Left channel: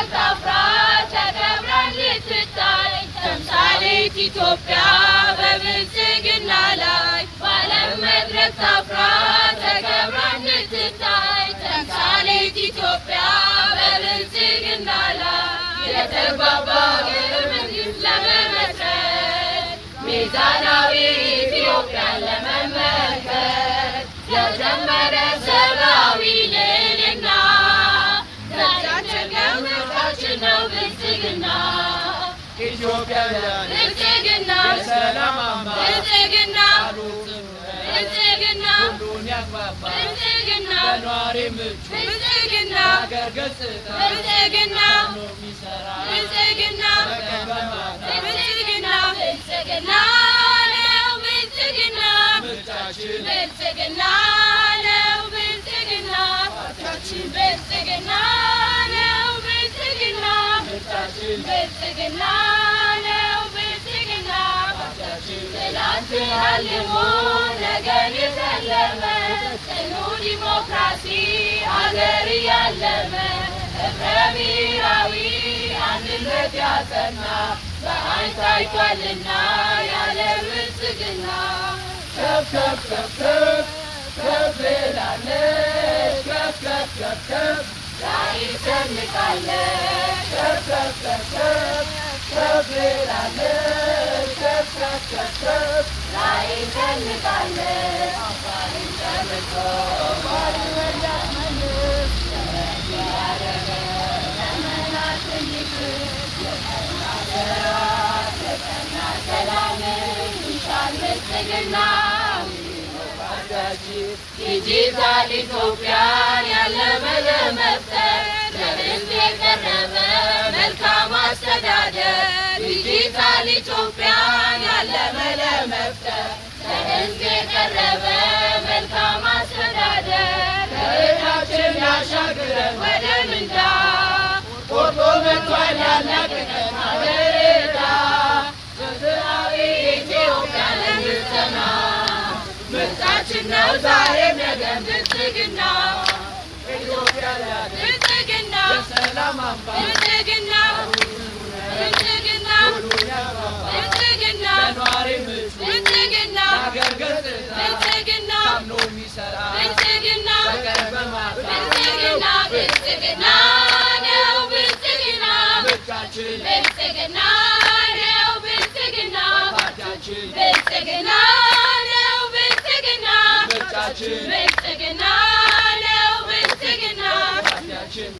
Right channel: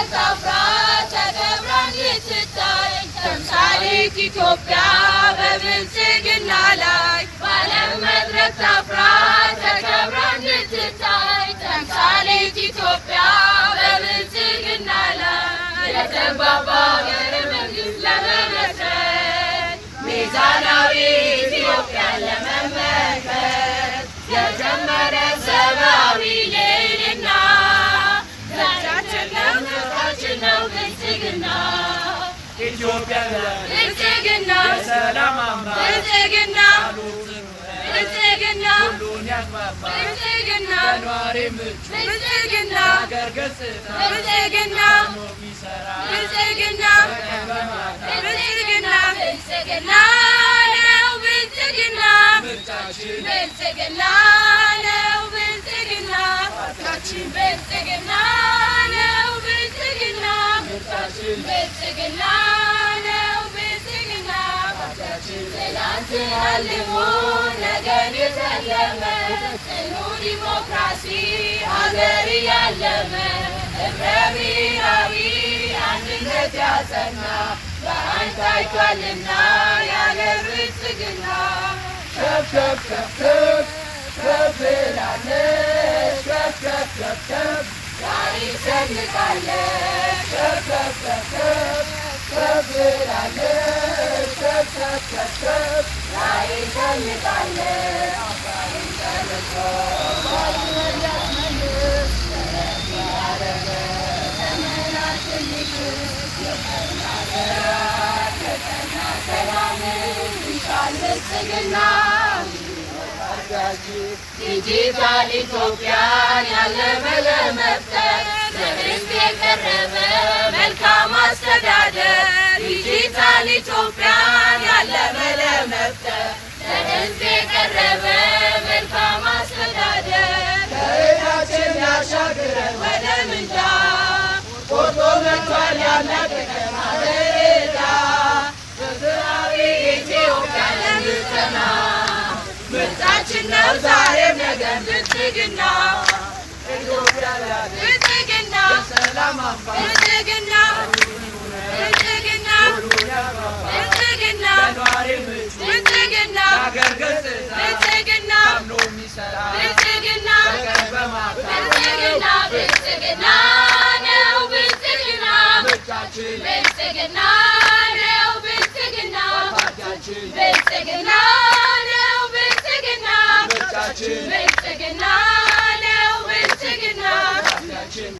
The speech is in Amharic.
መድረክ አፍራ ተከብራ እንድትታይ ተምሳሌት ኢትዮጵያ በብልጽግና ላይ በዓለም መድረክ አፍራ ተከብራ እንድትታይ ተምሳሌት ኢትዮጵያ በብልጽግና ላይ የተግባባ ሀገረ መንግስት ለመመስረት ሚዛናዊ ኢትዮጵያን ለመመልከት የጀመረ ሰብአዊ ልዕልና ዛሬያችን ነው ምርጫችን ነው ብልጽግና ኢትዮጵያውያን ብልጽግና የሰላም አምባ ብልጽግና ብልጽግና ሁሉን ያግባባ ብልጽግና ለነዋሪ ምቹ ብልጽግና ሀገር ገጽታ ብልጽግና ሆኖ የሚሰራ ብልጽግና በቀን በማታ ብልጽግና ብልጽግና ነው ብልጽግና ምርጫችን ብልጽግና ነው ብልጽግና ፓርቲያችን ብልጽግና ነው ብልጽግና ምርጫችን ብልጽግና ነው ብልጽግና ፓርቲያችን ትላንት አልሞ ነገን የተለመ ጽኑ ዲሞክራሲ ሀገር ያለመ ህብረ ብሔራዊ አንድነት ያጸና በአንድ ታይቷልና ያለ ብልጽግና ከፍ ከፍ ከፍ ከፍ ከፍ ብላለች ከፍ ከፍ ከፍ ከፍ ዛሬ ሰንቃለች ከፍ ከፍ ከፍ ከፍ ከፍ ብላለች ከፍ ከፍ ከፍ ከፍ ዛሬ ሰንቃለች አባይን ጨርሶ ባድመን ያስመልስ ሰላም ይሻል ብልጽግና ዲጂታል ኢትዮጵያን ያለመ ለመፍጠር በሕዝብ የቀረበ መልካም አስተዳደር ዲጂታል ኢትዮጵያን ያለመ ለመፍጠር በሕዝብ የቀረበ መልካም አስተዳደር ከእጃችን ያሻግረን ወደ ምንዳ ቆርጦ መጥቷል ያላቀቀን አገሬዳ ፍትሃዊ ኢትዮጵያ ለምትጸና ምርጫችን ነው ዛሬም ነገም ብልጽግና ኢትዮጵያውያን ብልጽግና የሰላም አምባ ብልጽግና ብልጽግና ሁሉን ያግባባ ብልጽግና ለነዋሪ ምቹ ብልጽግና ለሀገር ገጽታ ብልጽግና ታምኖ የሚሰራ ብልጽግና በቀን በማታ ብልጽግና ብልጽግና ነው ብልጽግና ምርጫችን ብልጽግና ነው ብልጽግና ፓርቲያችን ብልጽግና ነው ብልጽግና ምርጫችን ብልጽግና